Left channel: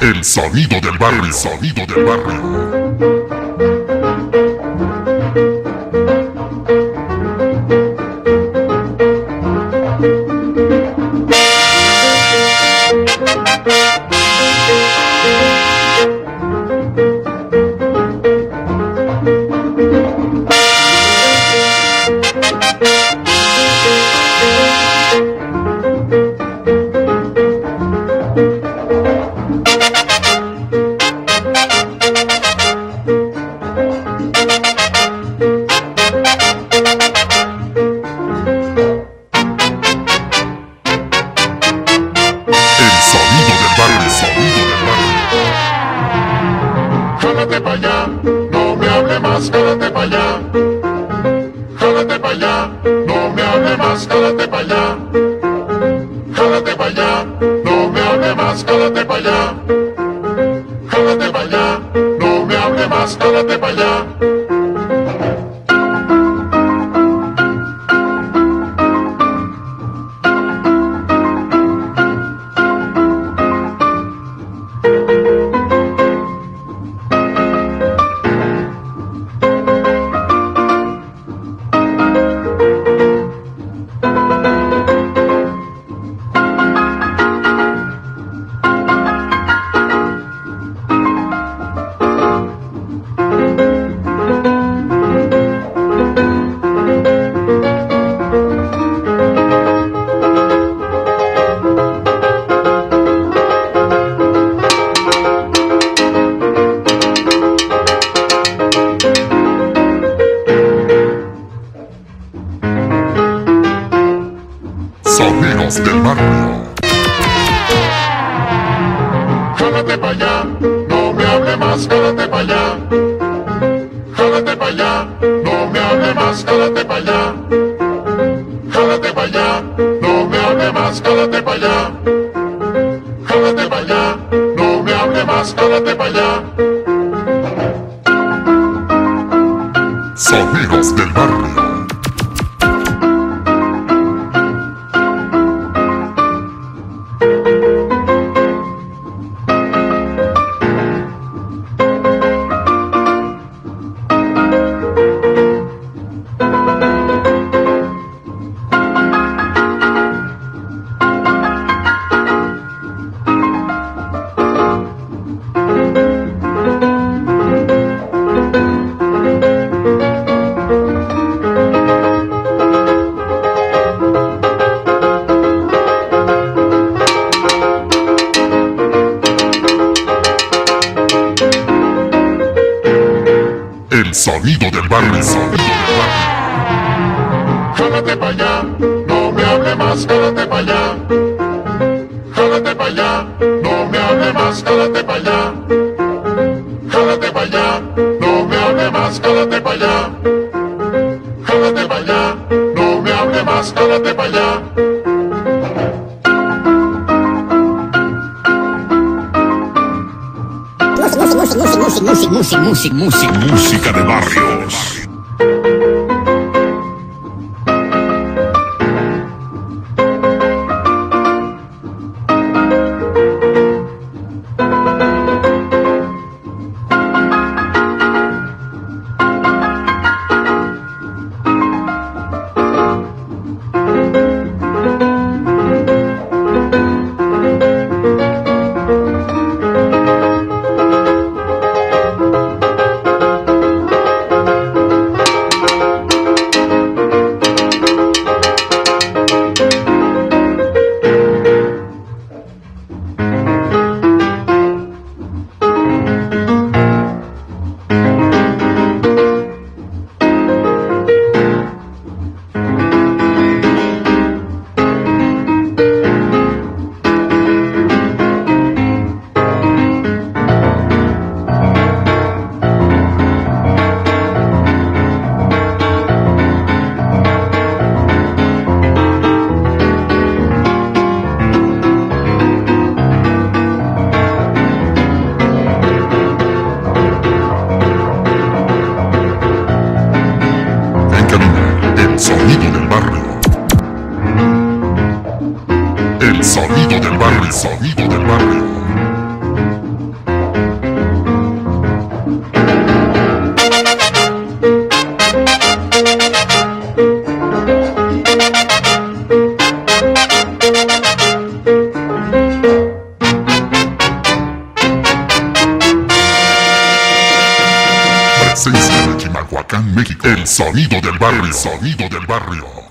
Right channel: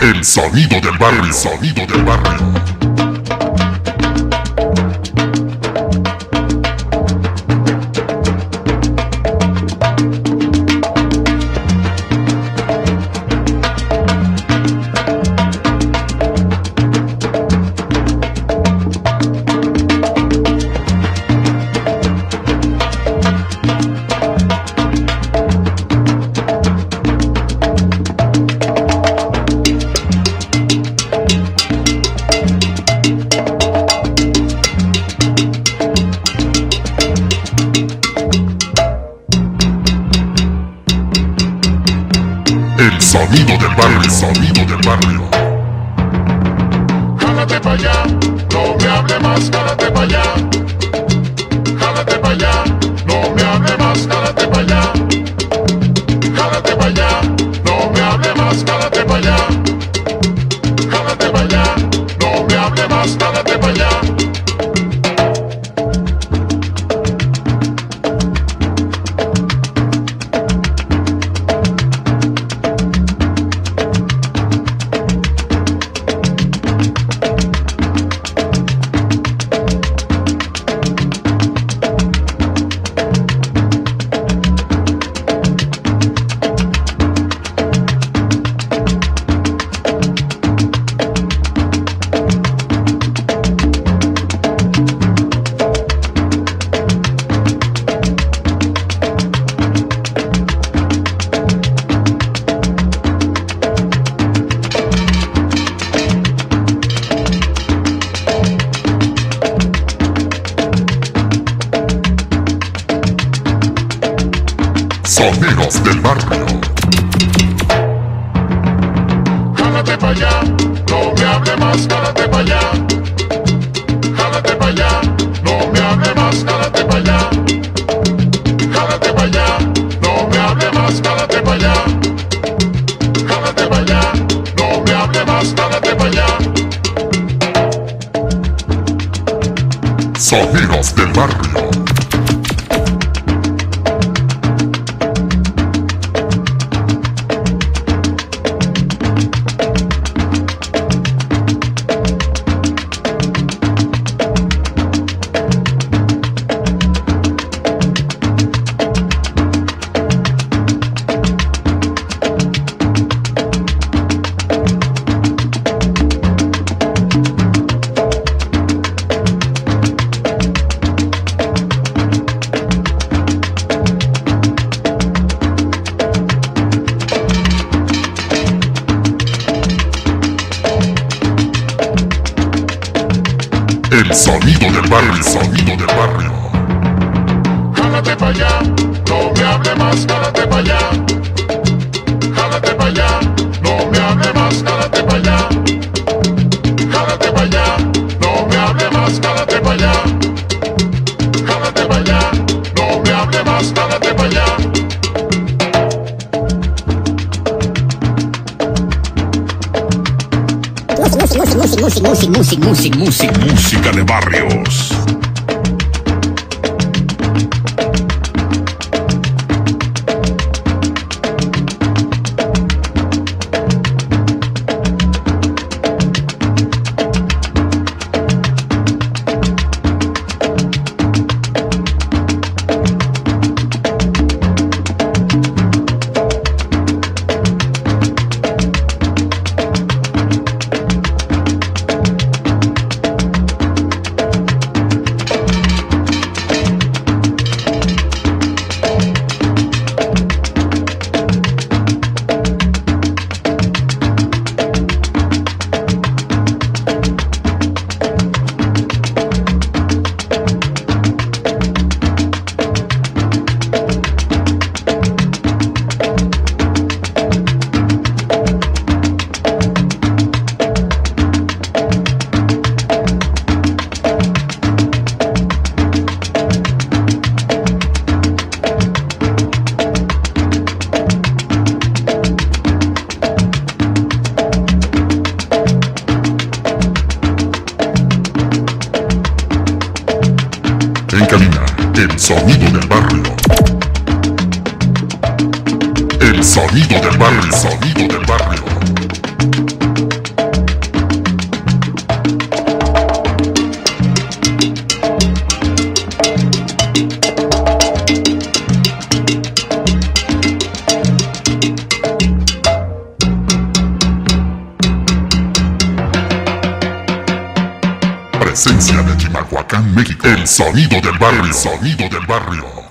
El sonido del barrio, el sonido del barrio. El sonido del barrio, el sonido del barrio. Jálate pa' allá, no me hable más, jálate pa' allá. Jálate pa' allá, no me hable más, jálate pa' allá. Jálate pa' allá, no me hable más, jálate pa' allá. Jálate pa' allá, no me hable más, jálate pa' allá. Sonidos del barrio. Jálate pa' allá, no me hable más, jálate pa' allá. Jálate pa' allá, no me hable más, jálate pa' allá. Jálate pa' allá, no me hable más, jálate pa' allá. Jálate pa' allá, no me hable más, jálate pa' allá. Sonidos del barrio. El sonido del barrio, el sonido del barrio. Jálate pa' allá, no me hable más, jálate pa' allá. Jálate pa' allá, no me hable más, jálate pa' allá. Jálate pa' allá, no me hable más, jálate pa' allá. Jálate pa' allá, no me hable más, jálate pa' allá. Música de barrios. cabina, el sonido del barrio. El sonido del barrio, el sonido del barrio. presencia de Chimalhuacán, México. El sonido del barrio. El sonido del barrio.